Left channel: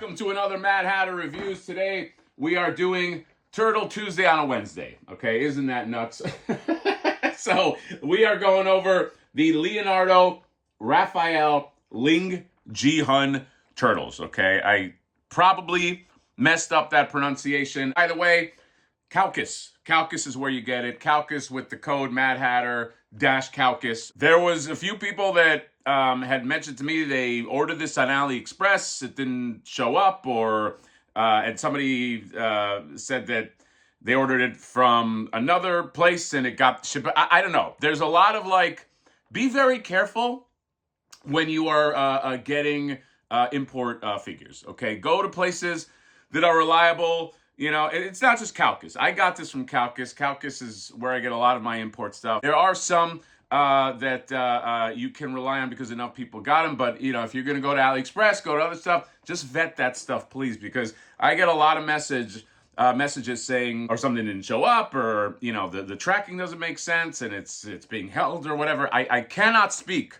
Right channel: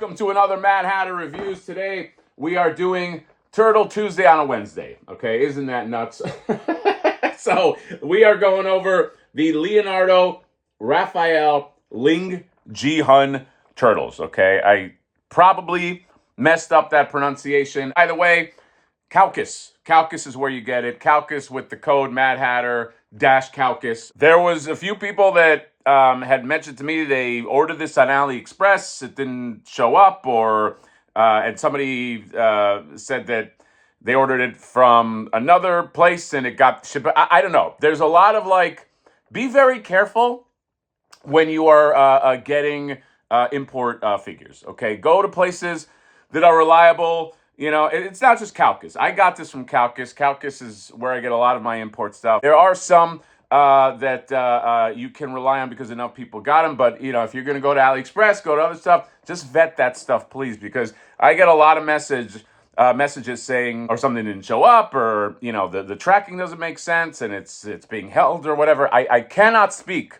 welcome to another Mad Hatter Reviews. Today we are doing Turtle Tuesday on a Wednesday. Okay, isn't that nuts? So we are going over the Leonardo Raphael Lingjihun turtles. Okay, I probably messed up that pronunciation. By the way, Calcus. Calcus is where you get it. Calcus with the code Mad Hatter -Calcus. There was a few people that had mentioned to me they ordered this on AliExpress. It didn't show up, and somebody said that they ordered it from another place and it got shipped. I don't know. There's a lot of be very careful when you are getting import figures. Okay, go to places that are reliable. You know, it's not just Calcus. I got this from Calcus. Calcus is where I get a lot of my import stuff. There are some that you can rely on because enough people got them. But, you know, if you're going to go to AliExpress, go to other stuff, just vet that stuff, please. Because I get a lot of messages saying, or something didn't show up, or, you know, the tracking doesn't make sense and it's being held or whatever. I cannot speak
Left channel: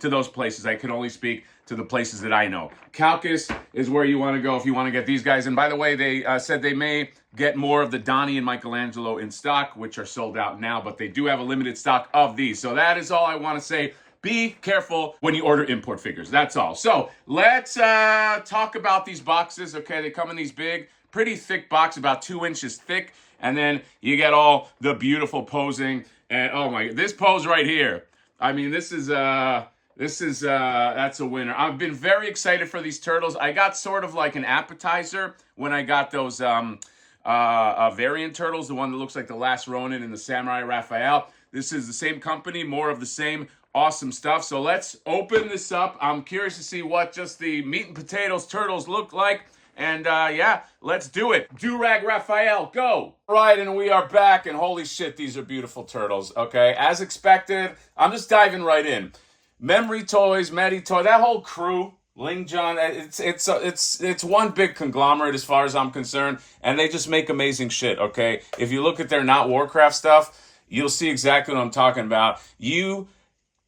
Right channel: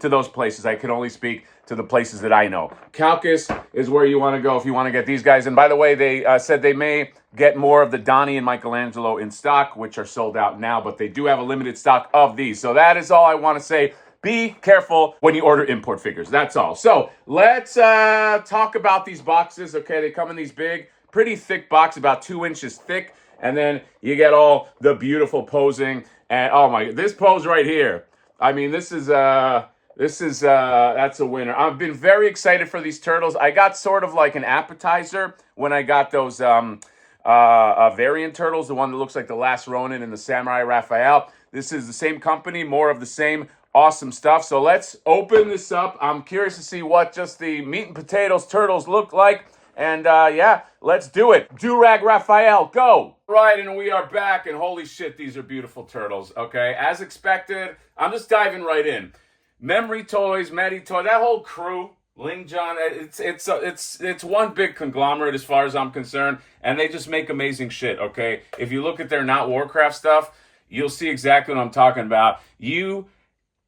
to those places. I can only speak to the places that I know. Calcus is where you want to go if you want to get these guys. And by the way, they said they may get more of the Donnie and Michelangelo in stock, which are sold out now, but they do have a limited stock of these. So that is all I want to say. Be careful when you order import figures. That's all. So let's talk about these boxes. Okay, they come in these big, pretty thick box, about 2 inches thick. And then you get all the beautiful posing. And oh my, this pose right here. I mean, that's a winner. I've been very excited for these turtles. I got sort of like an appetizer when I got those variant turtles, the one that looks like the Last Ronin and the Samurai Raphael. This is the same company, more of the same awesome stuff. So let's open this up. I'm curious to see what just the meat and potatoes turtles look like. And yeah, let's do it. Durag Raphael, go. All right, and we are back, and holy shit, these are beautiful turtles. Okay, as expected, I'm just diving right in. Memory Toys, Medi Toy, that whole crew, Lingjihun, it's one big conglomerate as far as I'm concerned, and they just make amazing shit, okay? If you look at their Not Warcraft stuff, you'll see exactly what I'm talking about. You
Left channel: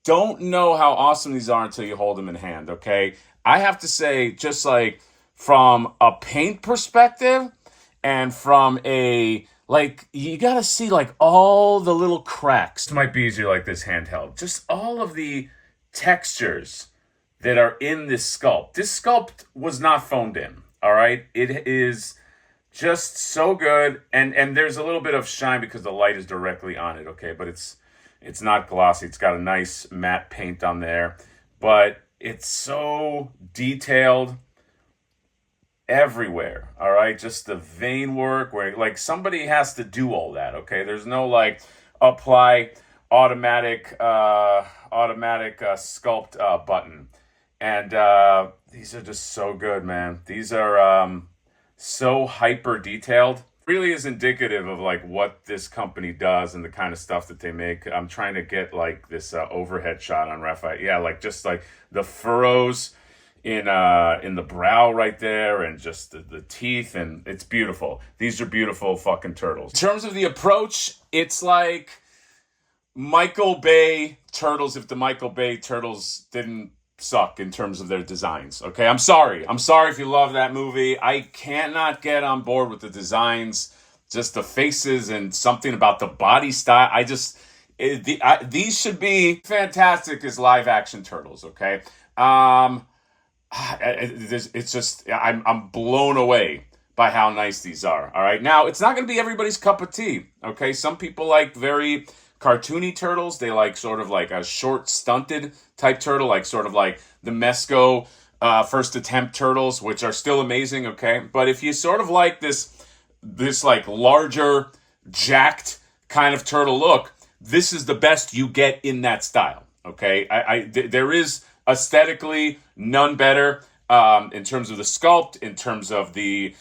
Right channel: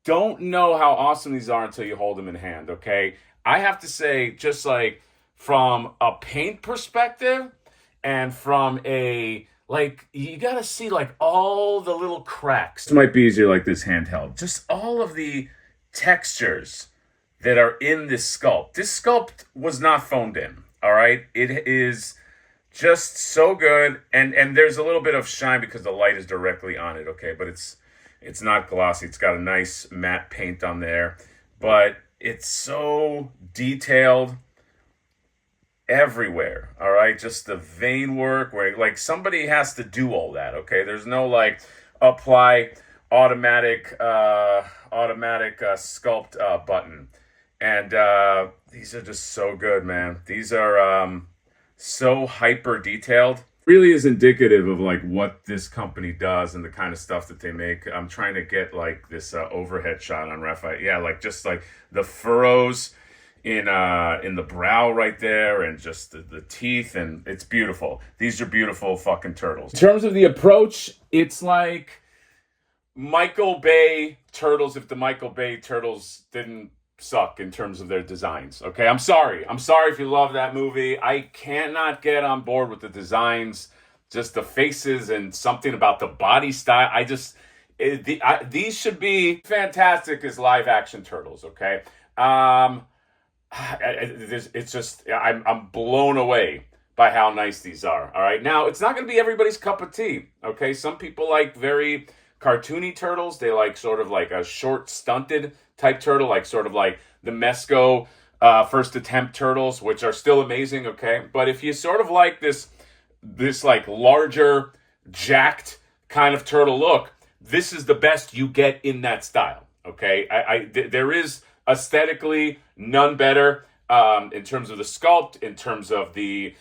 don't know how awesome these are until you hold them in hand, okay? I have to say, just like from a paint perspective and from a, you gotta see all the little cracks. It might be easier like this handheld. Just all of the textures that are in this sculpt. This sculpt was not phoned in, all right? It is just so good, and there's a little bit of shine because the light is directly on it, okay? But it's not glossy. It's got a nice matte paint on there, but it's so detailed everywhere, all right? Just the vein work where somebody has to do all that, okay? There's no apply automatic sculpt button. And these are just so good, man. These are so hyper detailed. Really is indicative of what this company does and the kind of stuff that they make. I'm trying to get this overhead shot on Raphael. Yeah, just the furrows in the brow right there, and just the teeth, and it's beautiful. These are beautiful fucking turtles. In terms of the approach, it's like Michael Bay turtles if the Michael Bay turtles didn't suck in terms of their designs. Okay, I'm sorry if you love that movie. I cannot get on board with the designs, just the faces and something about the body style. These should be fantastic as live action turtles. Okay, it's just I'm blown away by how nice these are. All right, now it's not going to be everybody's cup of tea. Okay, some people like very cartoony turtles. They like sort of a short stunted type turtle, sort of the Mesco first attempt turtles, which are still amazing, okay? But if you sort of like this larger, jacked kind of turtle look, this is the best you get in that style, okay? There is aesthetically none better in terms of the sculpt, in terms of the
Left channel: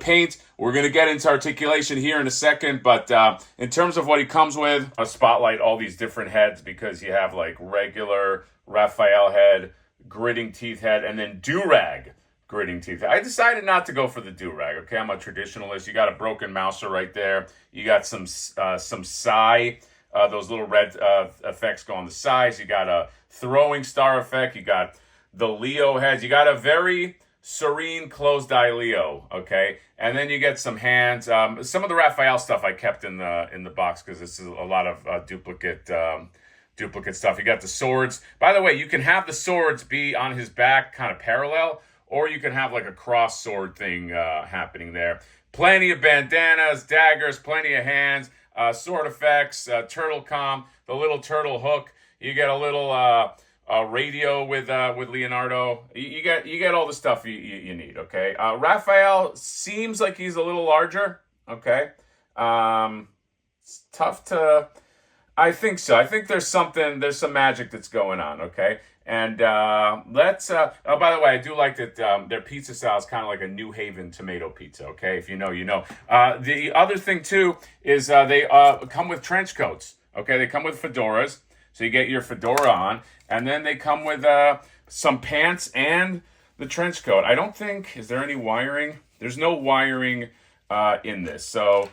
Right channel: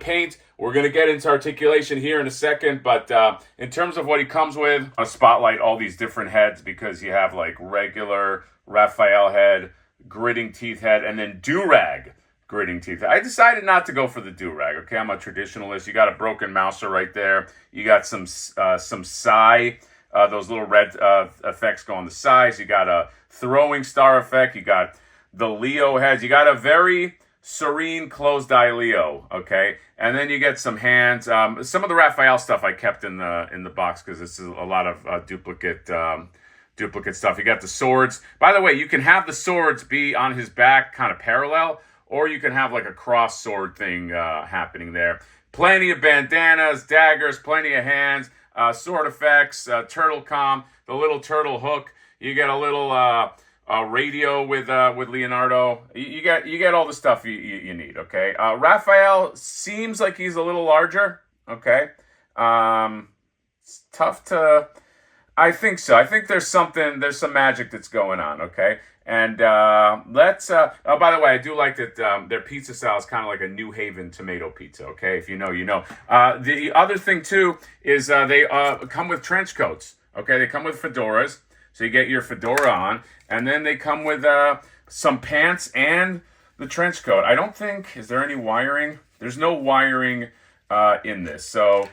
paint. We're going to get into articulation here in a second, but in terms of what he comes with, I'll spotlight all these different heads because you have regular Raphael head, gritting teeth head, and then Durag gritting teeth. I decided not to go for the Durag, okay? I'm a traditionalist. You got a broken mouser right there. You got some Psy, those little red effects go on the sides. You got a throwing star effect. You got the Leo heads. You got a very serene closed eye Leo, okay? And then you get some hands. Some of the Raphael stuff I kept in the box because this is a lot of duplicate stuff. You got the swords. By the way, you can have the swords be on his back kind of parallel, or you can have like a cross sword thing happening there. Plenty of bandanas, daggers, plenty of hands, sword effects, turtle comm, the little turtle hook. You get a little radio with Leonardo. You get all the stuff you need. Okay. Raphael seems like he's a little larger. Okay. It's tough to. I think so. I think there's some magic that's going on. Okay. And let's. Oh, by the way, I do like that their pizza style is kind of like a New Haven tomato pizza. Okay, if you know, you know. The other thing too is they come with trench coats. Okay, they come with fedoras, so you get your fedora on, and then they come with some pants and the trench coat. I don't think is there any wiring. There's no wiring in this, so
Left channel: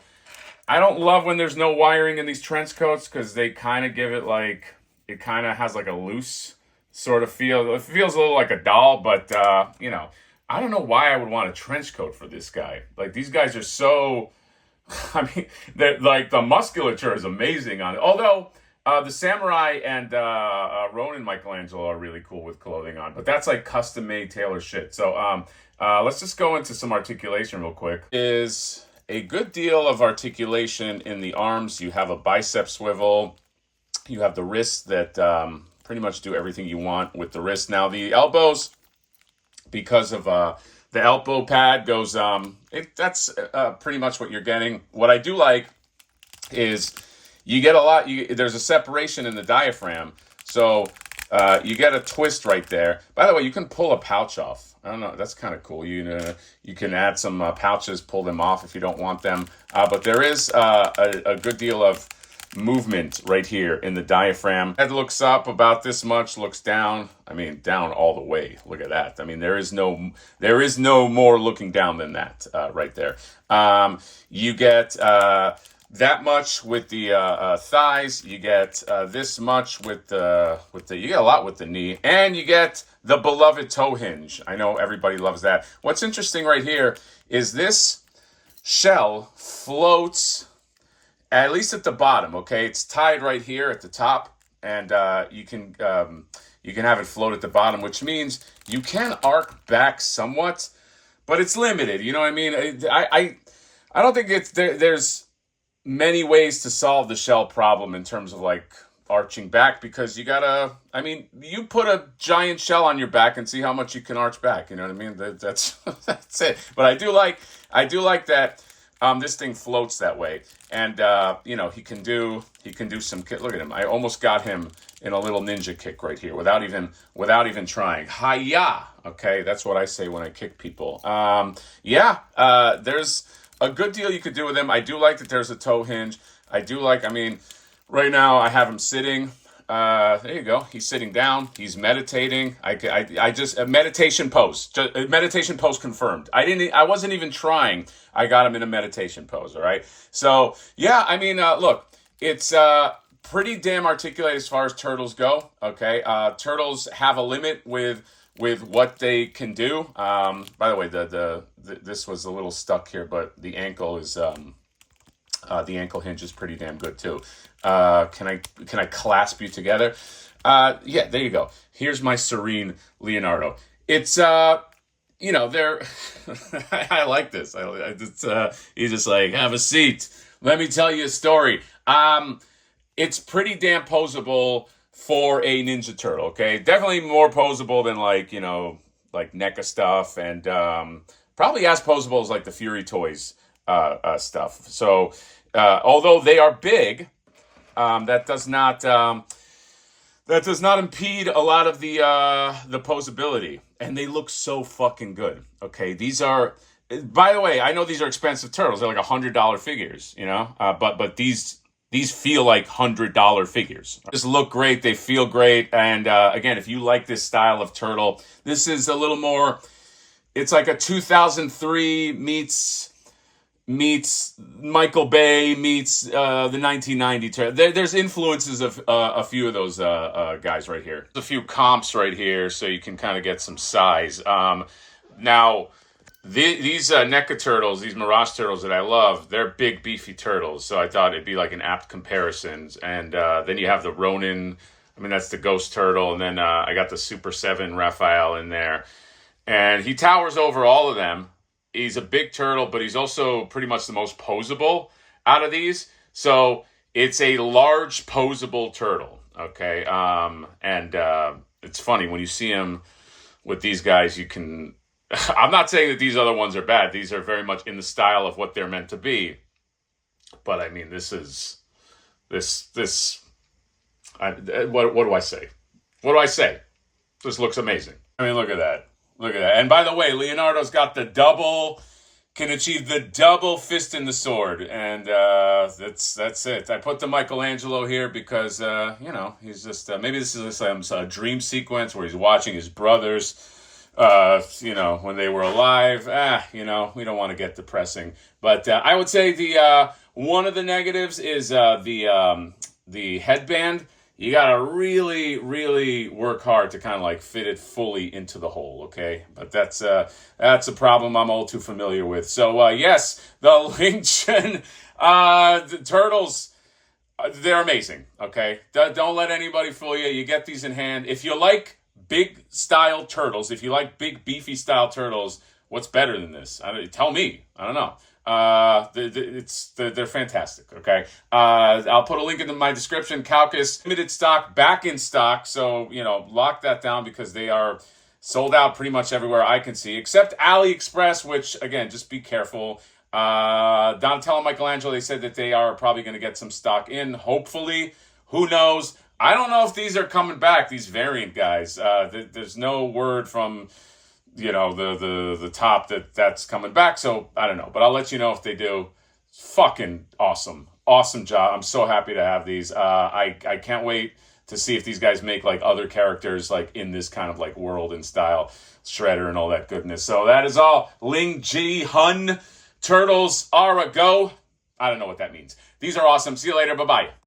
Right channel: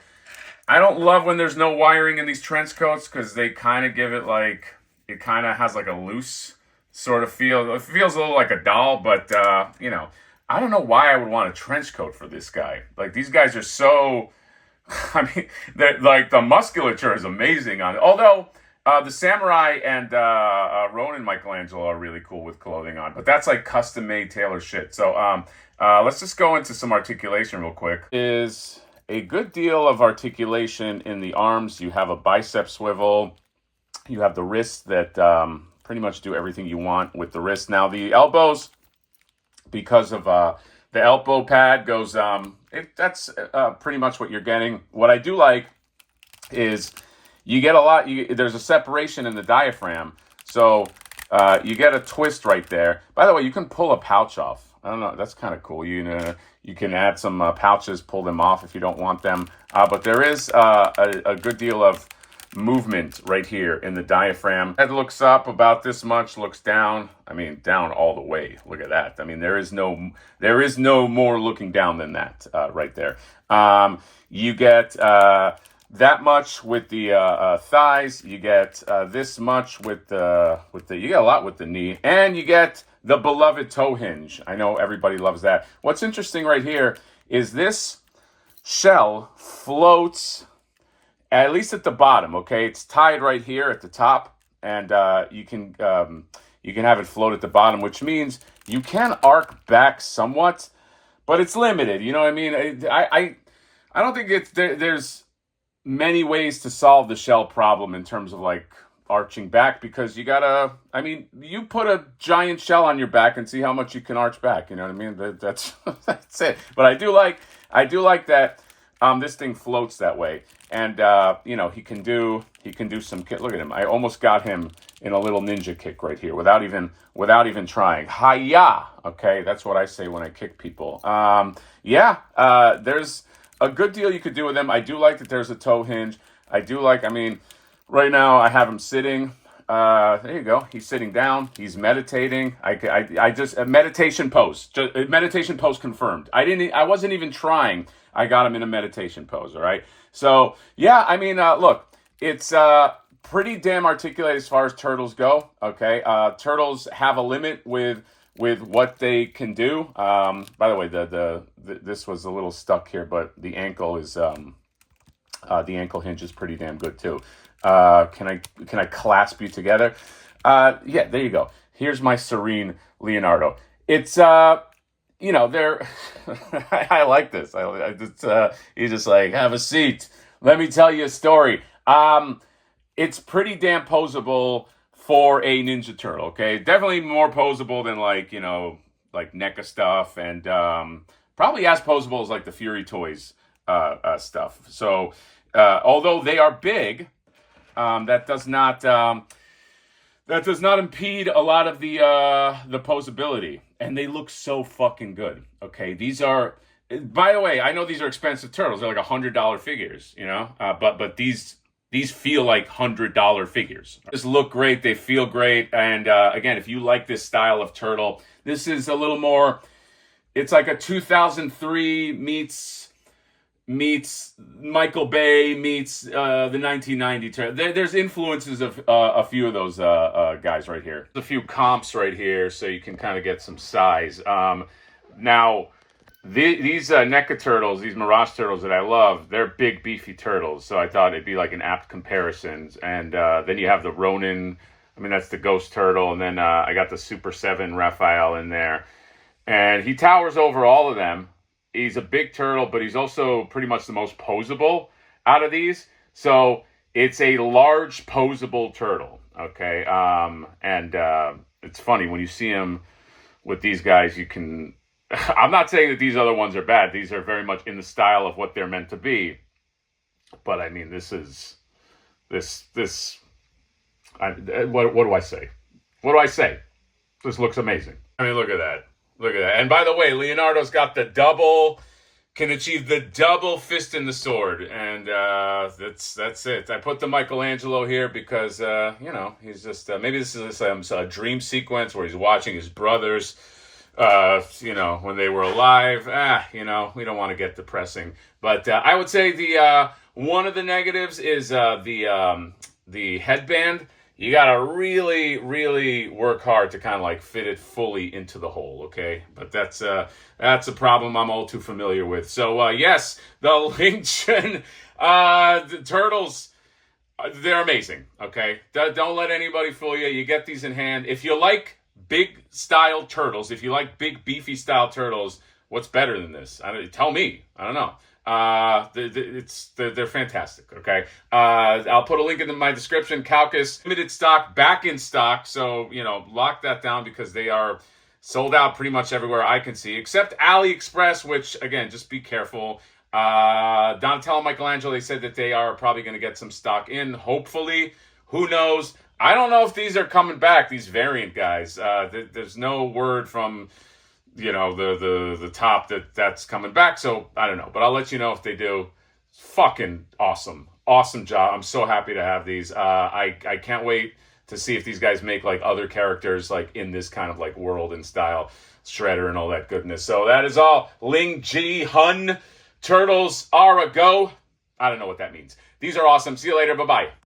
I don't love when there's no wiring in these trench coats because they kind of give it like it kind of has like a loose sort of feel. It feels a little like a doll, but you know, I don't know why I would want a trench coat for this guy. Like these guys are so, I mean, they're like the musculature is amazing on it. Although the samurai and Ronin Michelangelo are really cool with clothing on, but that's like custom made tailor shit. So let's just go into some articulation real quick. Is a good deal of articulation in the arms. You have a bicep swivel. You have the wrists that pretty much do everything you want with the wrist. Now the elbows, because of the elbow pad goes, that's pretty much what you're getting. What I do like is you get a lot, there's a separation in the diaphragm. So you get a twist right there. By the way, you can pull a pouch off. I don't know, that's kind of cool. You can add some pouches, pull them off if you don't want them. But there is a good deal of movement right here in the diaphragm. Head looks up about this much, looks down. I mean, down all the way. Look at that. I mean, there is no more looking down than that right there. You get that much with the thighs. You get this much with the. You get a lot with the knee, and you get the beloved toe hinge. I know everybody loves that. What's interesting right here is this shell floats. At least at the bottom, okay? It's tied right here at the top, and you can have it float at the bottom, which means you can arc back somewhat, but it's limited. You know what I mean? I don't think there's many ways to solve the shell problem in terms of like arching back, because you gotta. I mean, you put a giant shell on your back and see how much you can arch back. You know what I mean? That's that's it. But I do like that. This thing floats that way, and you know, he can do some kick. Look at him! I almost got him in a little ninja kick right here without even trying. Hi-ya! Okay, that's what I say when I kick people. There's a good deal you could do with him. I do like that there's a toe hinge. I mean, right now I have him sitting. There you go. He's sitting down. He's meditating. I just a meditation pose. A meditation pose confirmed. I wasn't even trying. I got him in a meditation pose. All right. So yeah, I mean, look, it's pretty damn articulated as far as turtles go. Okay. Turtles have a limit with what they can do. By the way, this was a little stuck here, but the ankle is the ankle hinge is pretty damn good too. Can I clasp you together? Yeah, there you go. Here's my serene Leonardo. It's you know, they're I like this. He's just like, have a seat. Let me tell you a story. It's pretty damn posable for a Ninja Turtle. Okay, definitely more posable than like, you know, like NECA stuff, and probably as posable as like the Fury Toys stuff. So although they are big. That does not impede a lot of the posability, and they look so fucking good. Okay, these are. By the way, I know these are expensive turtles. They're like $100 figures, you know. But these feel like $100 figures. Just look great. They feel great, and again, if you like this style of turtle, this is a little more. It's like a 2003 meets Michael Bay meets the 1990 turtle. There's influences of a few of those guys right here. There's a few comps right here, so you can kind of get some size. Now, these NECA turtles, these Mirage turtles that I love, they're big, beefy turtles. So I thought it'd be like an apt comparison. And then you have the Ronin. I mean, that's the Ghost Turtle. And then I got the Super 7 Raphael in there. And he towers over all of them. He's a big turtle, but he's also pretty much the most posable out of these. So it's a large, posable turtle. Okay. And it's funny when you see him with these guys, you can... I'm not saying that these other ones are bad. These are very much in the style of what they're meant to be. But I mean, what do I say? What do I say? This looks amazing. I mean, look at that. Look at that. And by the way, Leonardo's got can achieve the double fist in the sword. And that's it. I put the Michelangelo here because, he's just, maybe this is a dream sequence where he's watching his brothers, when they were alive. We don't want to get depressing. But I would say one of the negatives is the headband. You got to really, really work hard to kind of like fit it fully into the hole, okay? But that's a problem I'm all too familiar with. So, yes, the Lingjihun the turtles, they're amazing, okay? Don't let anybody fool you. You get these in hand. If you like big style turtles, if you like big beefy style turtles, what's better than this? Tell me. I don't know. They're fantastic. Okay. I'll put a link in my description. Calcus limited stock, back in stock. So, lock that down because they are sold out pretty much everywhere I can see, except AliExpress, which again, just be careful. Donatello and Michelangelo, they said that they are probably going to get some stock in. Hopefully, who knows? I don't know if these are coming back, these variant guys. There's no word from, the top that's coming back. So I don't know, but I'll let you know if they do. Fucking awesome. Awesome job. I'm so happy to have these. I can't wait to see if these guys make like other characters like in this kind of like world and style, Shredder and all that goodness. So that is all. Lingjihun turtles are a go. I don't know what that means. These are awesome. See you later. Bye-bye.